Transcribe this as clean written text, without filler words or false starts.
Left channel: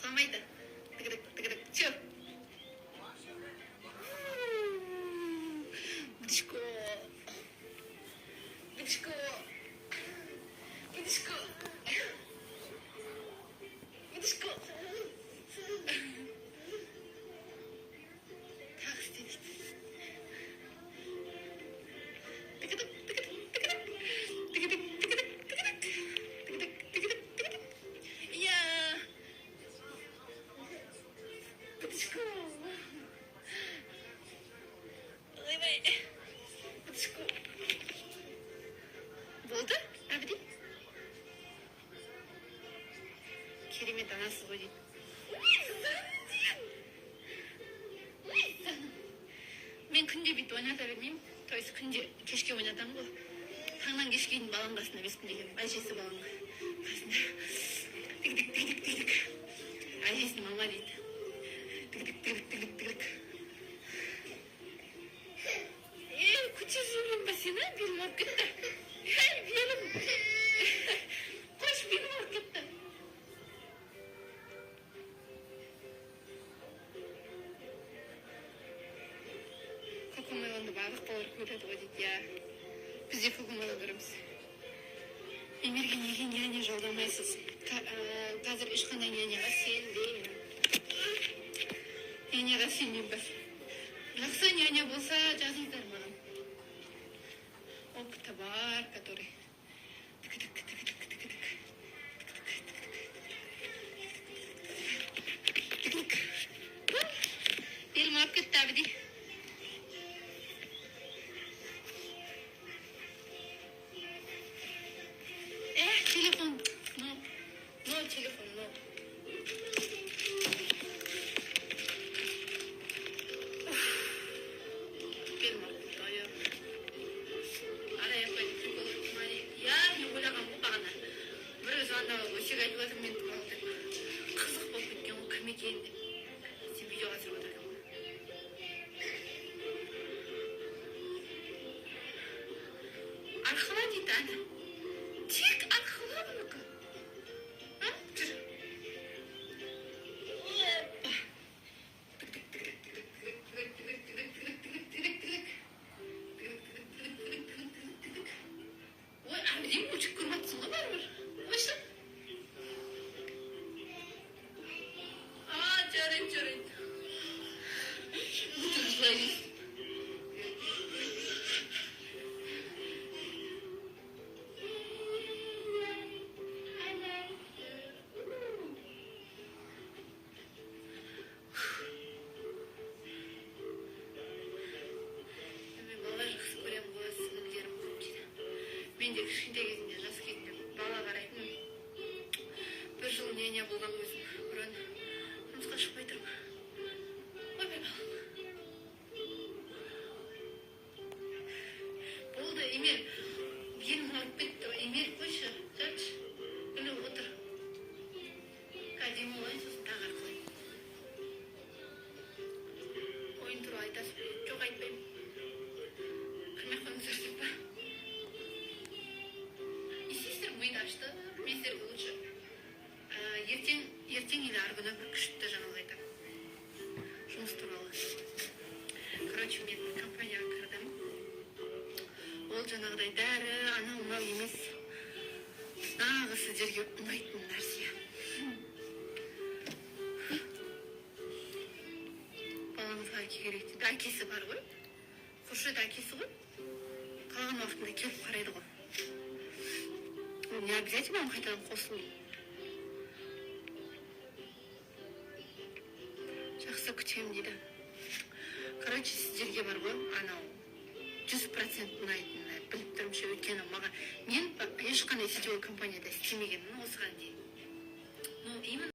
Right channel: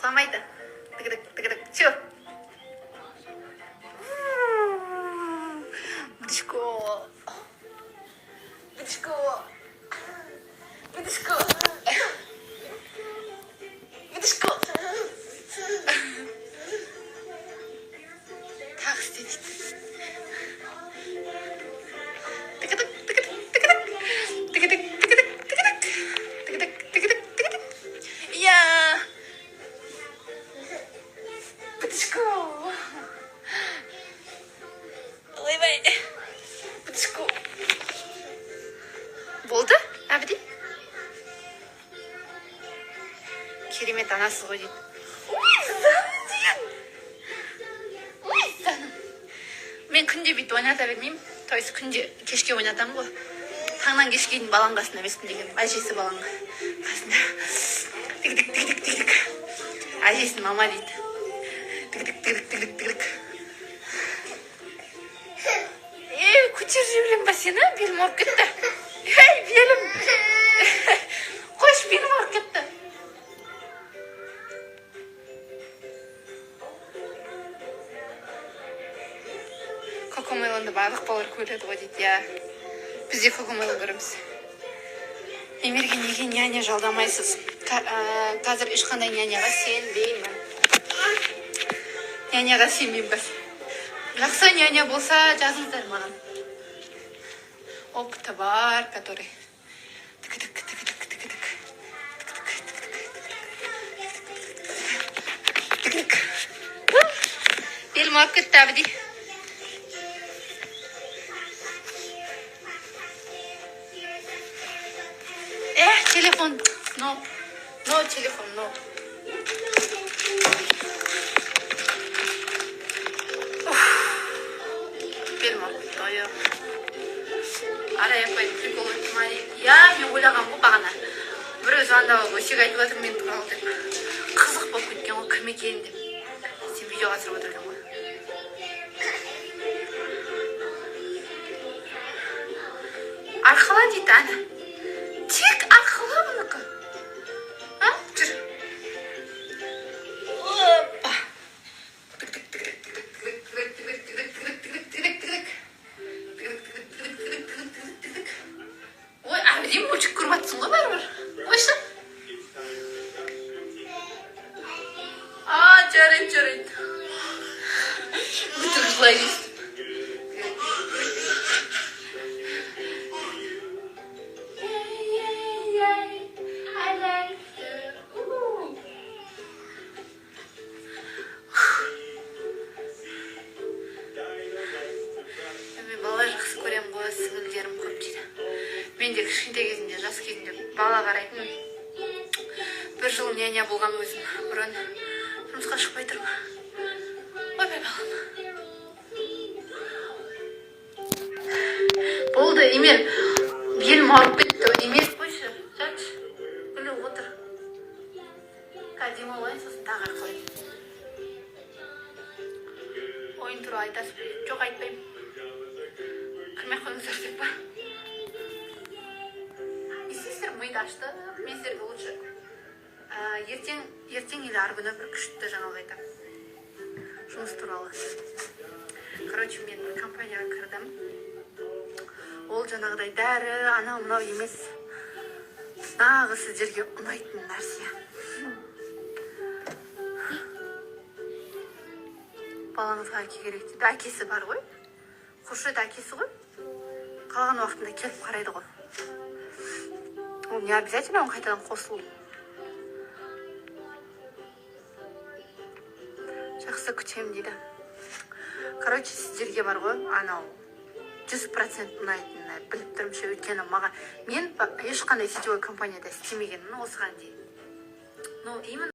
құламайды. Тыгыдык, чё? Бдышко. Бдышко. Бдышко. Бдышко. Так істейді. Болды, әбді? Керемет анасы ғой дейді. Ой, заным деген. Ой, заным. Мен күнде бүйтіп ойната бермеймін. То есть күнде кешке ойнатамын ғой. Таңнан кешке дейін баланың қасында емеспін деген. Әжесі баланың қасында. Тік. Әжесін мама дейді. Тік. Көтер жіберем ба сені? Белім ауырып кетті. Ей, белім. Қойш, белім ауырып кетті. Кокомелонды барлық балалар көреді ғой дейді. Я бізде Кокомелон көреміз. Емерге неге няня жалдамайсыз? Қазір ешқандай няняға сенбеймін. Няняға сенбеймін. Жақсы няня болса жазыңыздар маған. Опыты бар, который... Белім ауырып кетті, әбді. Телефон. No, телефон, no. Белім ауырып кетті, ой. Ара япай прикол айтмай. Я, мен ойлаған ғой бағана. Біреу звондап өсек айтып жатыр мен туралы деп. Қызық болып кеткен ғой, кім екен деп. Сен видеоға түсіріп отырған ғой. Арқала дейді, әні. Тек арқала бұныкі. Жүр. Опа. Ой, әбден мультик көріп атсың ғой бәрібір. Ойшы. Жарайды. Бүтін жылай дейсің. Мен бала жақсы көрем ғой, сіңілдерім көп дейді. Мен де кішкентай кезімде, жас кезімде бала қарайтын. Бір жыл няня болған өзім. Бұрын жұмысқа шықпай тұрмын. Ойбай балам. Болды, Емел. Белім ауырып кетті. Емел, қойшы. Жатшы. Күліп отыр. Кәдем олайын, сосын тағы арқылайын. Ойын туралы айтасыз. Жоқ, айтпаймын. Кірмей қойыңыздар деп па? Естейсіздер, миды ашты. Мен сіздерге лучше. Ертең или арғы күні бір күшті жаңалық айтамын. Жұмыс туралы. Короче, мен бір компанияға кірдім. Ол жаңағыдай дәрі, анау-мынау емес. Нағы сіздерге ұнайтын нәрсе. Балаңызға әке керек дейді. Әкесі бар ғой. Қоршайды әкесі ғой. Қалған уақытында келіп қарайды ғой. Ол не обязательно он қайтадан қосылу. Жақсы күтем дейді. Короче, сіздерге бар ғой, анау 100% ұнайтынына біліп тұрмшы, өйткені маған мен ешқандай сетевой компанияда істемегенмін осыған дейін. Ну, именно